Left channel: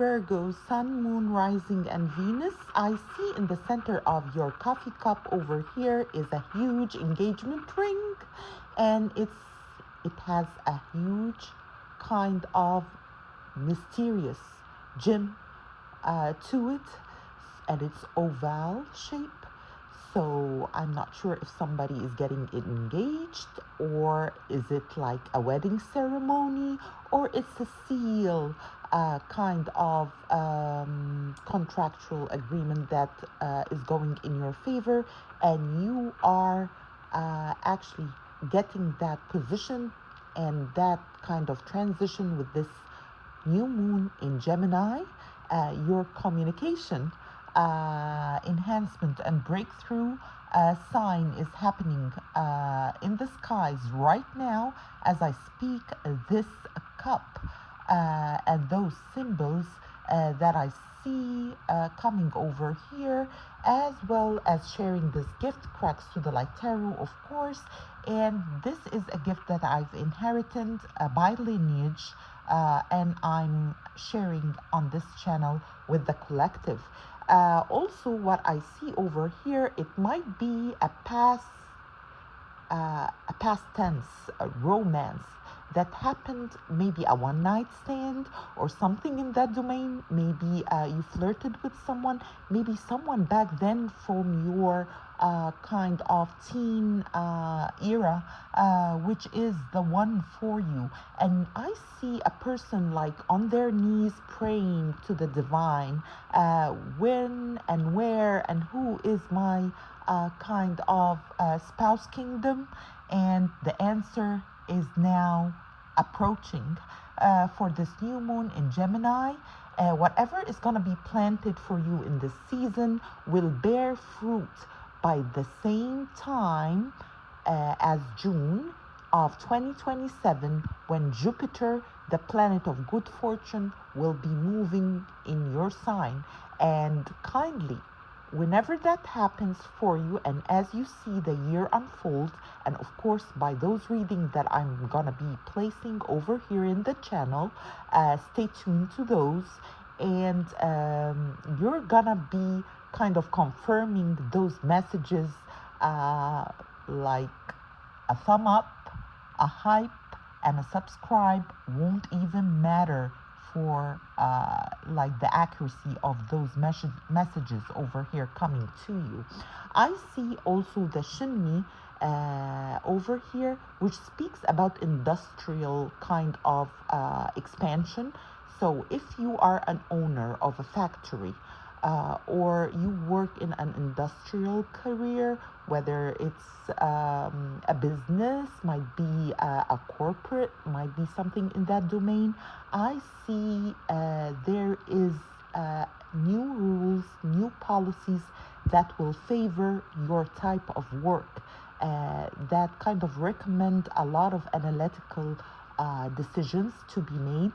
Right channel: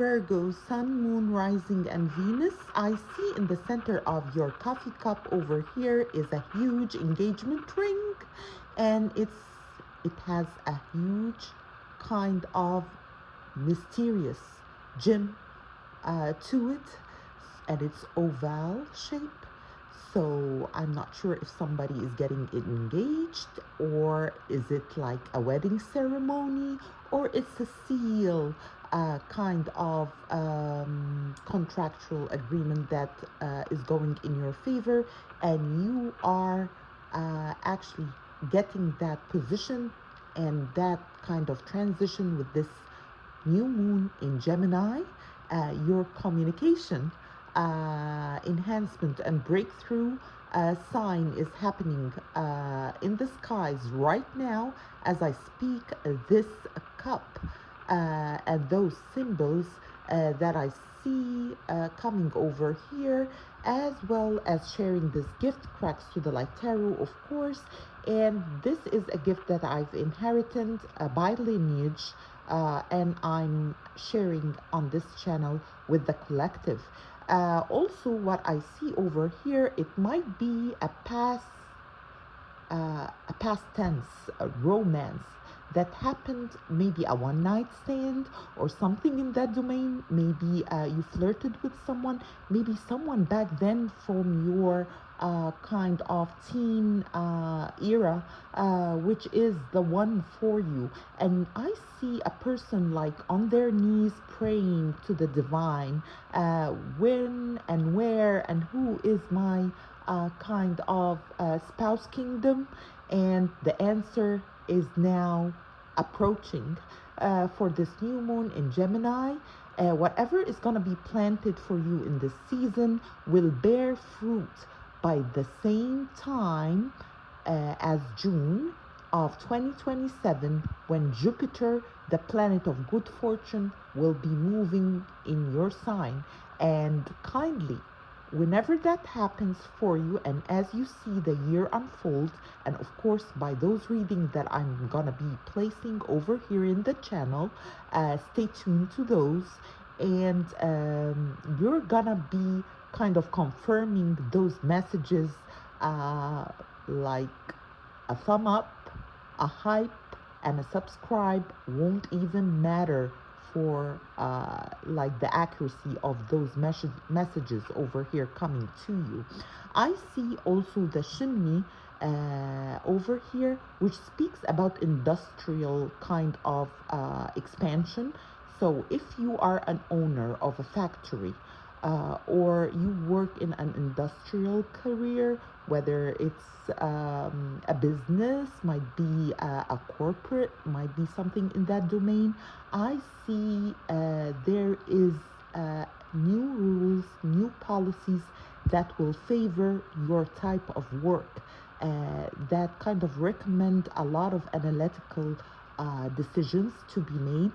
Virgo, Sun, Moon, Rising, and Venus. I see in the center of your coffee cup over here is a huge engagement ring, and it has a huge kind of mysterious gem to it, and it's oval shape. So I'm not sure if somebody is getting engaged, or is it like a wedding ceremony, or it's a seal, kind of contractual agreement that is going in your favor, and you are actually getting that position and that kind of transition with this new moon in Gemini. Your communication enhancement and breakthrough sign is happening in the skies right now as I speak. This cup and those symbols that I see coming over here, as well as sharing this gift, Cracks to the Light Tarot, of course. And this is a gift that I've inherited by lineage, and I'm sharing on this channel with the collective. Also, what I see over here, it might be a past tense romance that happened, maybe a one-night stand or something in that domain. Maybe you flirted with someone, maybe someone back then from your kind of teen era, which is the one for you. And I see a person like on their knees praying to the divine, when and where and who is my kind of spouse kingdom, and the answer is now approaching for this new moon in Gemini. Whatever is going to be planted for you in this season will bear fruit by the same time as June of 2027, when Jupiter, the planet of good fortune, will be moving in your sign. And kindly, whenever that happens for you, and as you see the year unfold, and of course by those readings that I'm gonna be placing over here in the channel, stay tuned to those, and you're gonna be kind of confirming those messages, like a thumb up, a hype, and a subscribe won't even matter for like the accuracy of those messages over here coming to you. I see also the shimmy over here, which speaks about industrial kind of expansion. So if you are an owner of a factory, or you work in an industrial career, whether it's a business, might be a corporate, might be something in that domain, I see there is new rules, new policies that will favor your type of work, that kind of recommend a lot of analytical decisions to be made,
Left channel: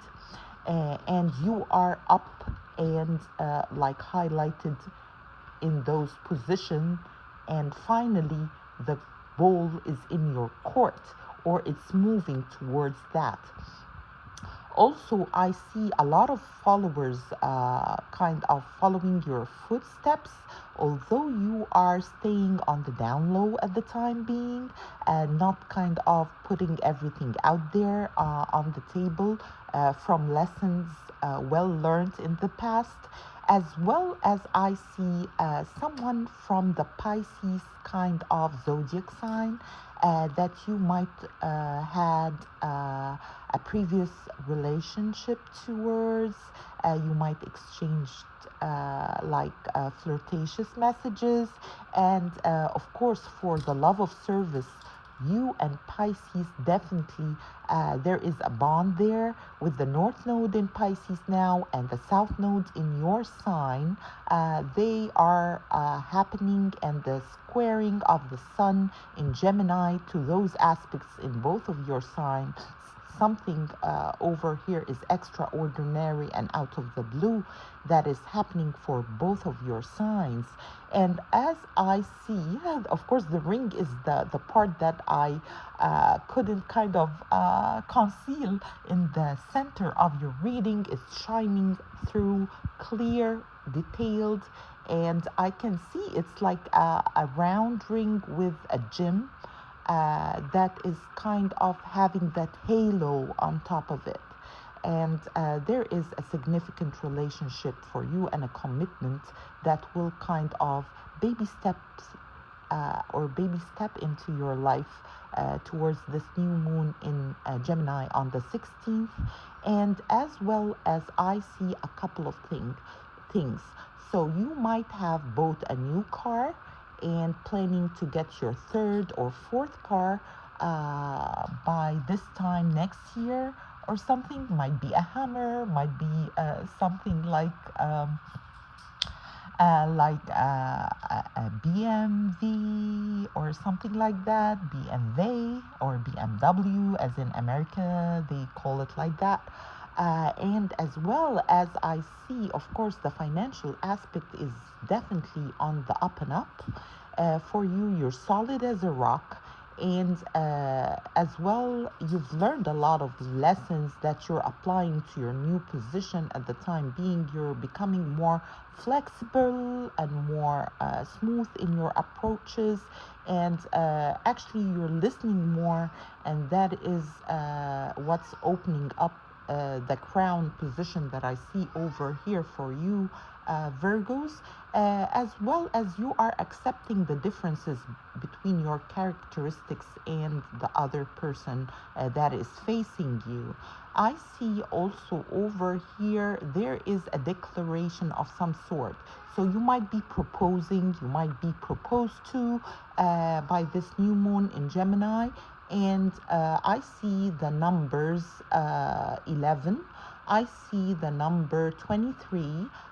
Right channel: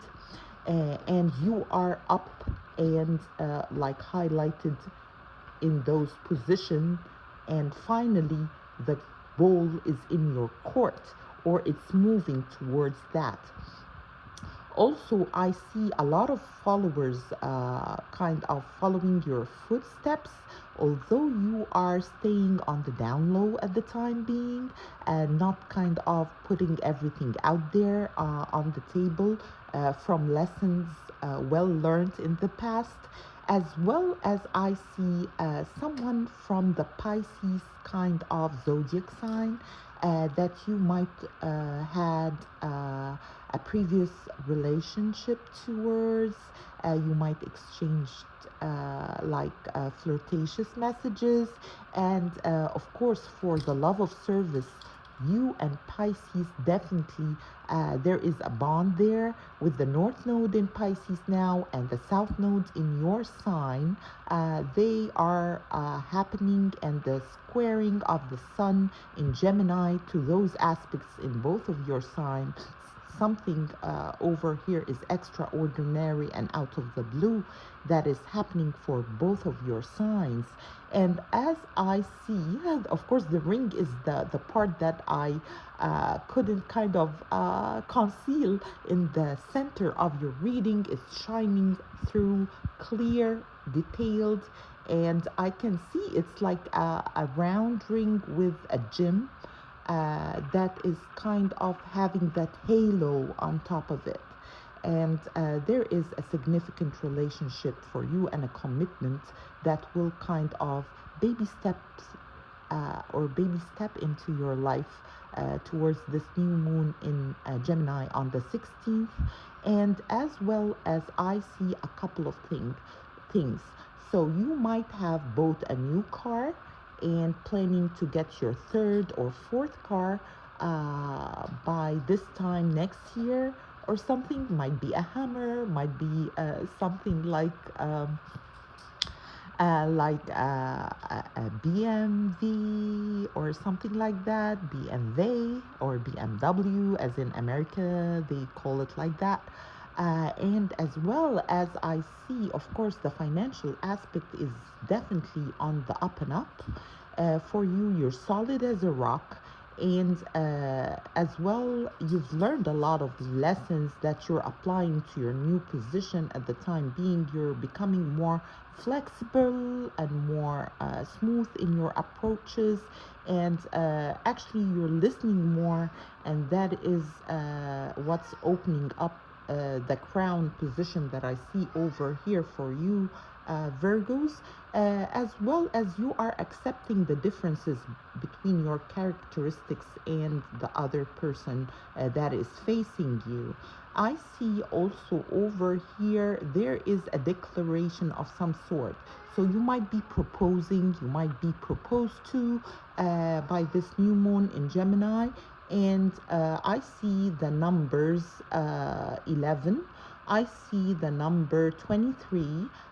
and you are up and like highlighted in those positions, and finally the ball is in your court, or it's moving towards that. Also, I see a lot of followers kind of following your footsteps, although you are staying on the down low at the time being, and not kind of putting everything out there on the table, from lessons well learned in the past, as well as I see someone from the Pisces kind of zodiac sign that you might had a previous relationship towards. You might exchange like flirtatious messages, and of course, for the love of service, you and Pisces definitely, there is a bond there with the North Node in Pisces now and the South Node in your sign. They are happening, and the squaring of the Sun in Gemini to those aspects in both of your signs. Something over here is extraordinary and out of the blue that is happening for both of your signs. And as I see, and of course the ring is the part that I couldn't kind of conceal in the center of your reading. It's shining through, clear, detailed, and I can see it's like a round ring with a gem that is kind of having that halo on top of it. And there is a significant relationship for you and a commitment that will kind of baby steps or baby step into your life towards this new moon in Gemini on the 16th. And as well as I see a couple of things. So you might have both a new car and planning to get your third or fourth car by this time next year or something. Might be a Hammer, might be something like a BMV or something like that, BMW or BMW, as in America, they call it like that. And as well as I see, of course, the financial aspect is definitely on the up and up. For you, you're solid as a rock. And as well, you've learned a lot of lessons that you're applying to your new position at the time being. You're becoming more flexible and more smooth in your approaches, and actually you're listening more, and that is what's opening up the crown position that I see over here for you, Virgos. As well as you are accepting the differences between your characteristics and the other person that is facing you. I see also over here there is a declaration of some sort. So you might be proposing, you might be proposed to by this new moon in Gemini. And I see the numbers 11, I see the number 23,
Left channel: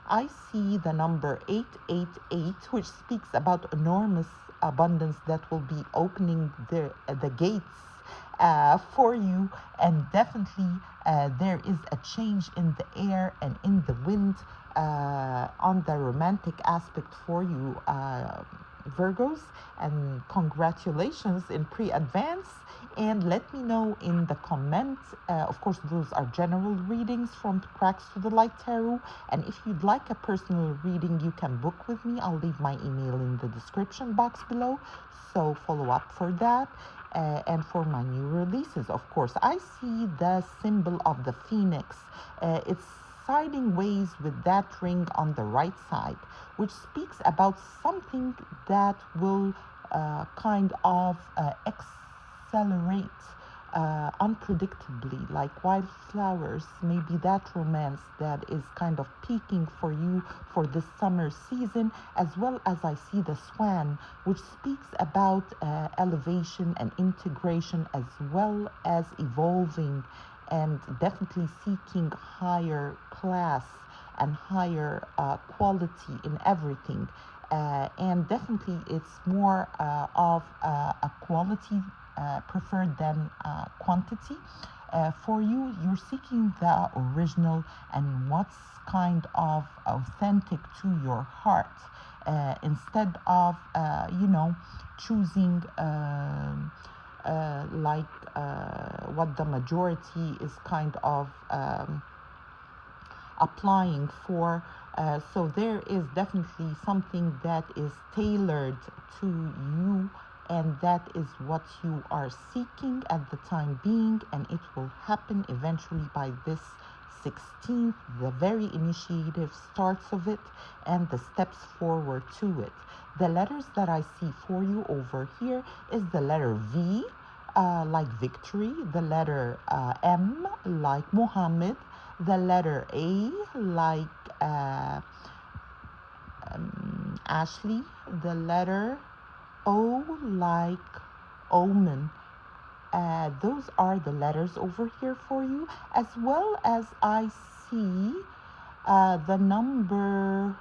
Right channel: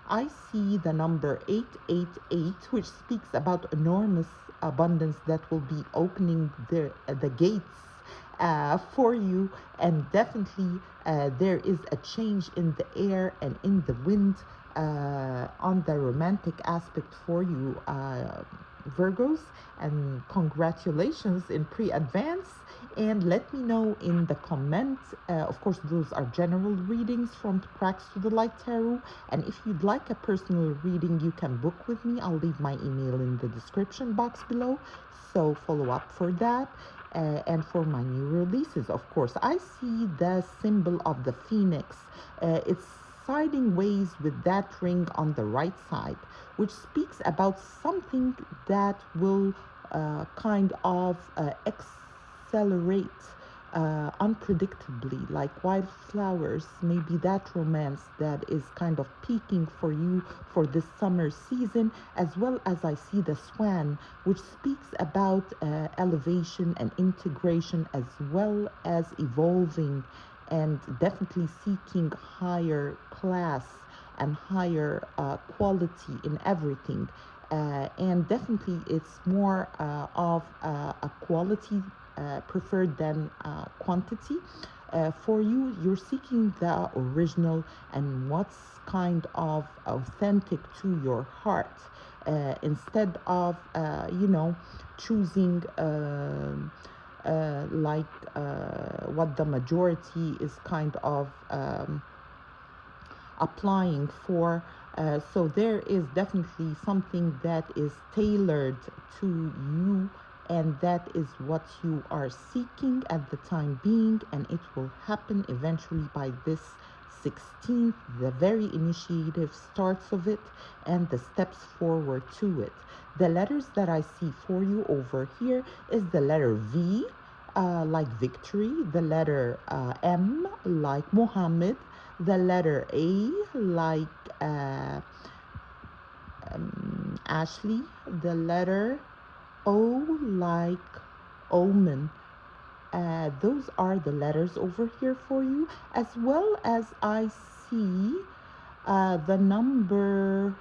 I see the number 888, which speaks about enormous abundance that will be opening the gates for you. And definitely there is a change in the air and in the wind on the romantic aspect for you, Virgos. And congratulations in pre-advance. And let me know in the comments. Of course, those are general readings from Cracks to the Light Tarot. And if you'd like a personal reading, you can book with me. I'll leave my email in the description box below. So follow up for that. And for my new releases, of course, I see the symbol of the phoenix. It's siding ways with that ring on the right side, which speaks about something that will kind of accelerate unpredictably, like wildflowers. Maybe that romance that is kind of peaking for you for this summer season, as well as I see the swan, which speaks about elevation and integration, as well as evolving and definitely seeking higher class and higher quality in everything. And definitely it's more of a quality preferred than quantity. For you, you're seeking the original and what's kind of authentic to your heart, instead of choosing what the majority is kind of applying for. So there is definitely something that is tailored to you, and that is what you are seeking at the time being, and it will happen eventually by this 16th, the very initiative starts of it and the steps forward to it. The letters that I see for you over here is the letter V, like victory, the letter M, like Muhammad, the letter A, like Ashley, the letter O, like Omen. Those are the letters over here for you, as well as I see the number.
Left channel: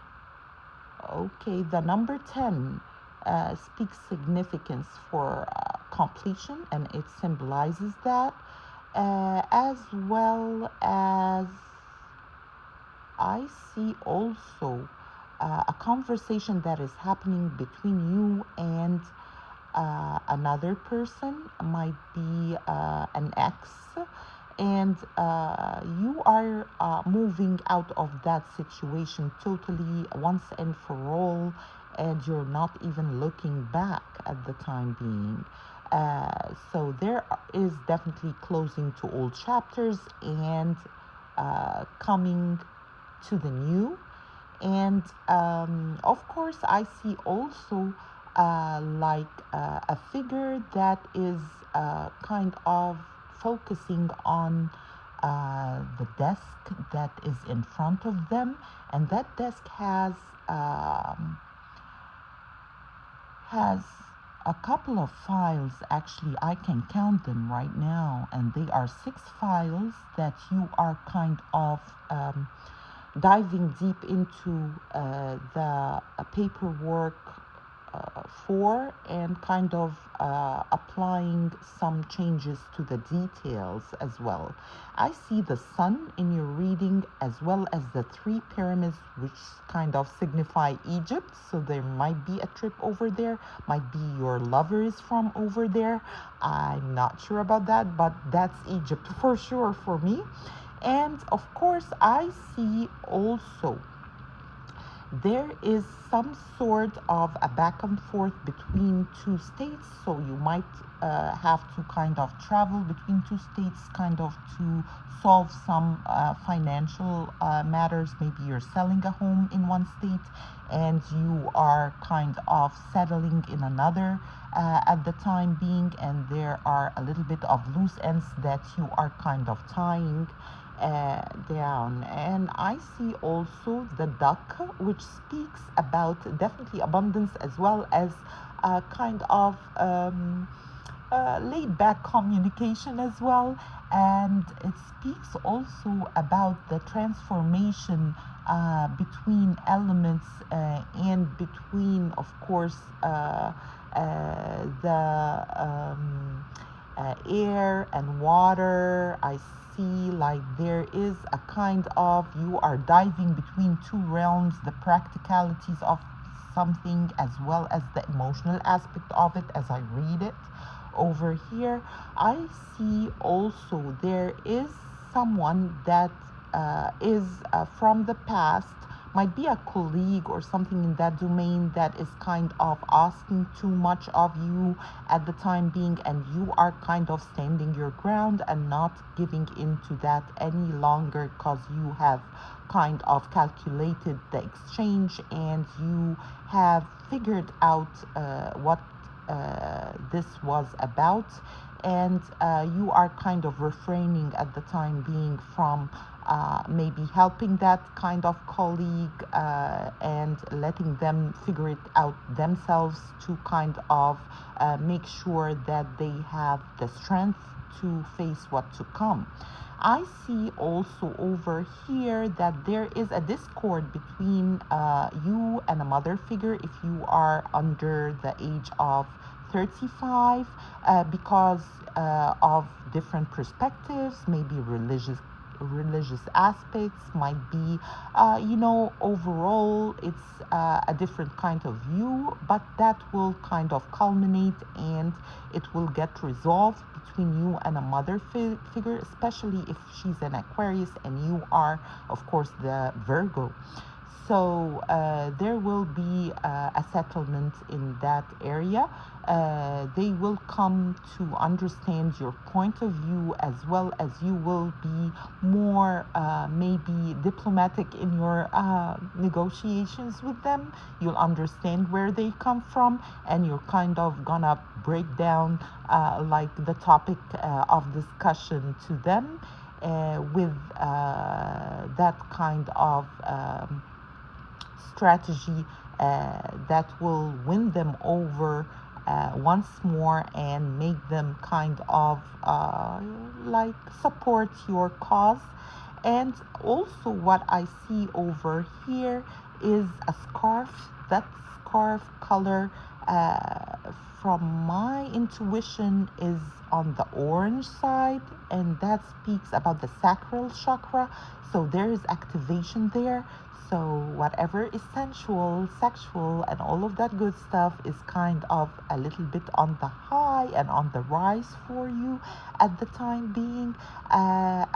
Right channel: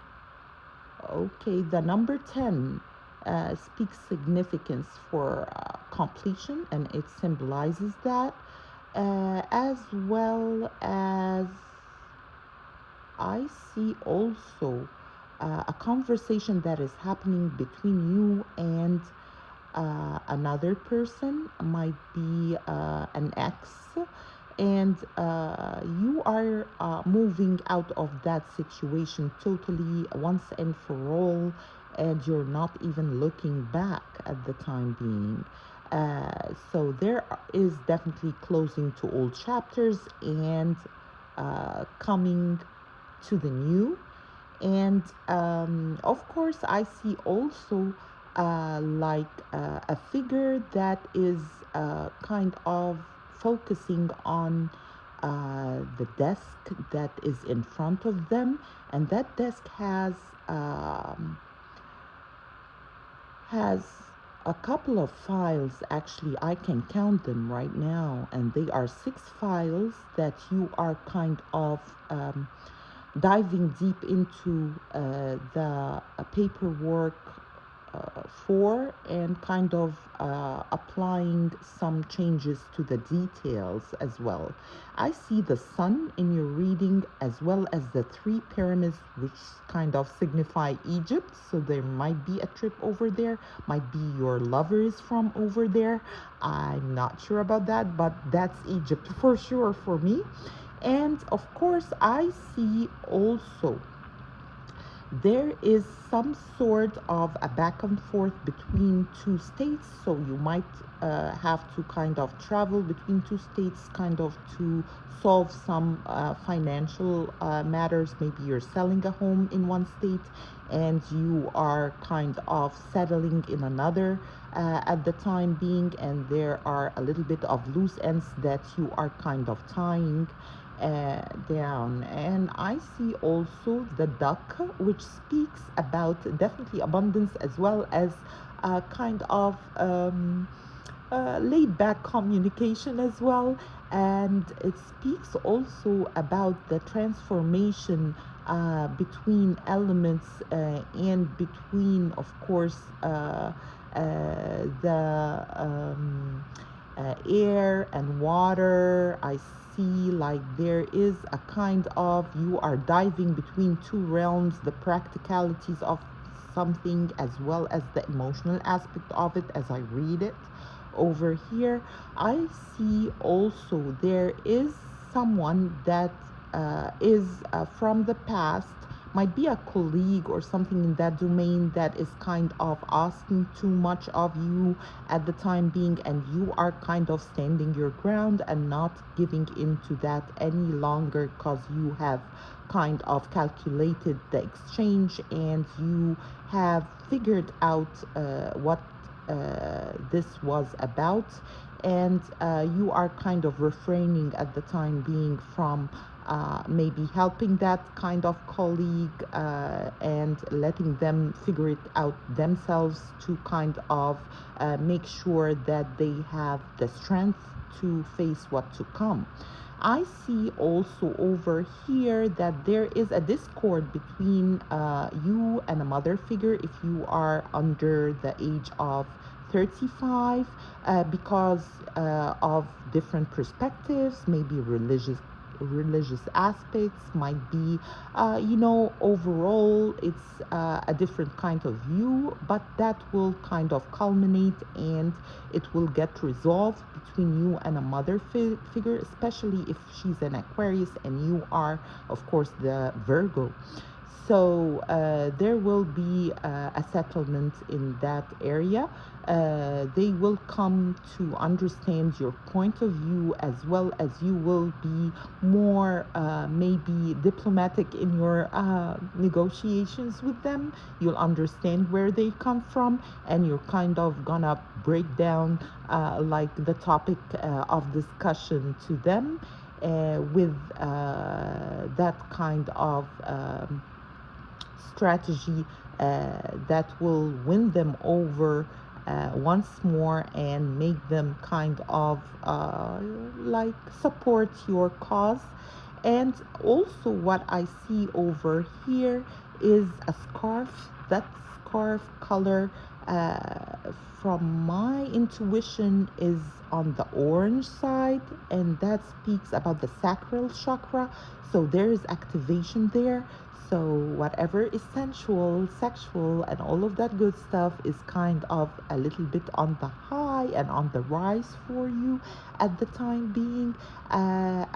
Okay, the number 10 speaks significance for completion, and it symbolizes that, as well as I see also a conversation that is happening between you and another person, might be an ex, and you are moving out of that situation totally once and for all, and you're not even looking back at the time being. So there is definitely closing to old chapters and coming to the new. And of course, I see also a figure that is kind of focusing on the desk that is in front of them, and that desk has a couple of files. Actually, I can count them right now, and they are 6 files that you are kind of diving deep into the paperwork for, and kind of applying some changes to the details as well. I see the sun in your reading, as well as the 3 pyramids, which kind of signify Egypt. So there might be a trip over there, might be your lover is from over there. I'm not sure about that, but that's Egypt for sure for me. And of course, I see also there is some sort of a back and forth between 2 states. So you might have to kind of travel between 2 states, kind of to solve some financial matters. Maybe you're selling a home in one state and you are kind of settling in another at the time being, and there are a little bit of loose ends that you are kind of tying down. And I see also the duck, which speaks about definitely abundance, as well as kind of laid back communication as well. And it speaks also about the transformation between elements and between, of course, the air and water. I see like there is a kind of, you are diving between 2 realms, the practicalities of something as well as the emotional aspect of it as I read it over here. I see also there is someone that is from the past, might be a colleague or something in that domain, that is kind of asking too much of you at the time being, and you are kind of standing your ground and not giving into that any longer, because you have kind of calculated the exchange and you have figured out what this was about, and you are kind of refraining at the time being from maybe helping that kind of colleague and letting them figure it out themselves, to kind of make sure that they have the strength to face what to come. I see also over here that there is a discord between you and a mother figure if you are under the age of 35, because of different perspectives, maybe religious aspects, might be overall it's a different kind of view, but that will kind of culminate and it will get resolved between you and a mother figure, especially if she's an Aquarius and you are of course the Virgo. So there will be a settlement in that area. They will come to understand your point of view, as well as you will be more maybe diplomatic in your negotiations with them. You'll understand where they come from, and you're kind of gonna break down like the topic of discussion to them with that kind of strategy that will win them over once more and make them kind of like support your cause. And also what I see over here is a scarf. That scarf color from my intuition is on the orange side, and that speaks about the sacral chakra. So there is activation there. So whatever is sensual, sexual, and all of that good stuff is kind of a little bit on the high and on the rise for you at the time being.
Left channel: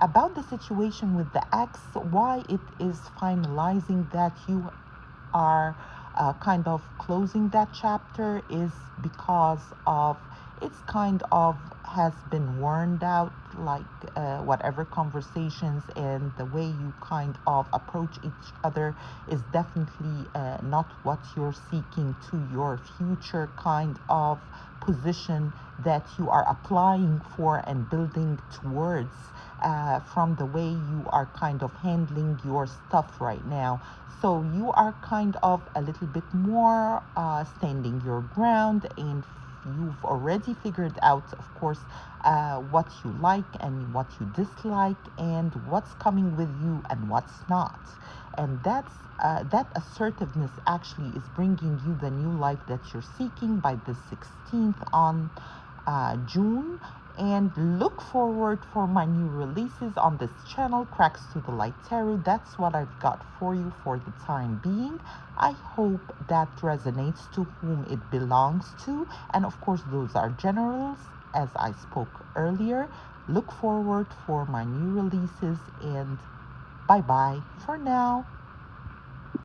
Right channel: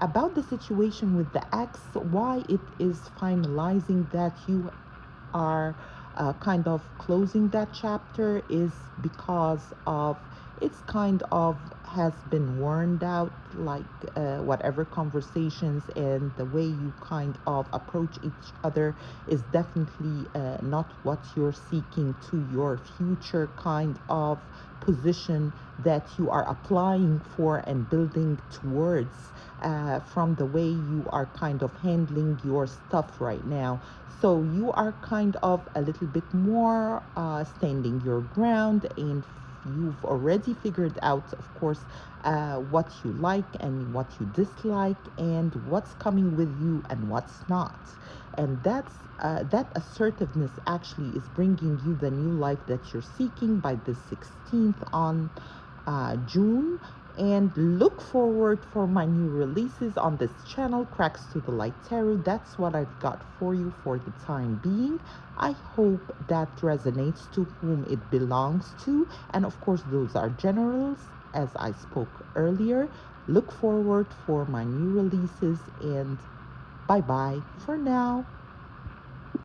About the situation with the ex, why it is finalizing that you are kind of closing that chapter is because of it's kind of has been worn out, like whatever conversations and the way you kind of approach each other is definitely not what you're seeking to your future kind of position that you are applying for and building towards, from the way you are kind of handling your stuff right now. So you are kind of a little bit more standing your ground, and you've already figured out, of course, what you like and what you dislike, and what's coming with you and what's not. And that assertiveness actually is bringing you the new life that you're seeking by the 16th on June. And look forward for my new releases on this channel, Cracks to the Light Tarot. That's what I've got for you for the time being. I hope that resonates to whom it belongs to. And of course, those are generals, as I spoke earlier. Look forward for my new releases, and bye bye for now.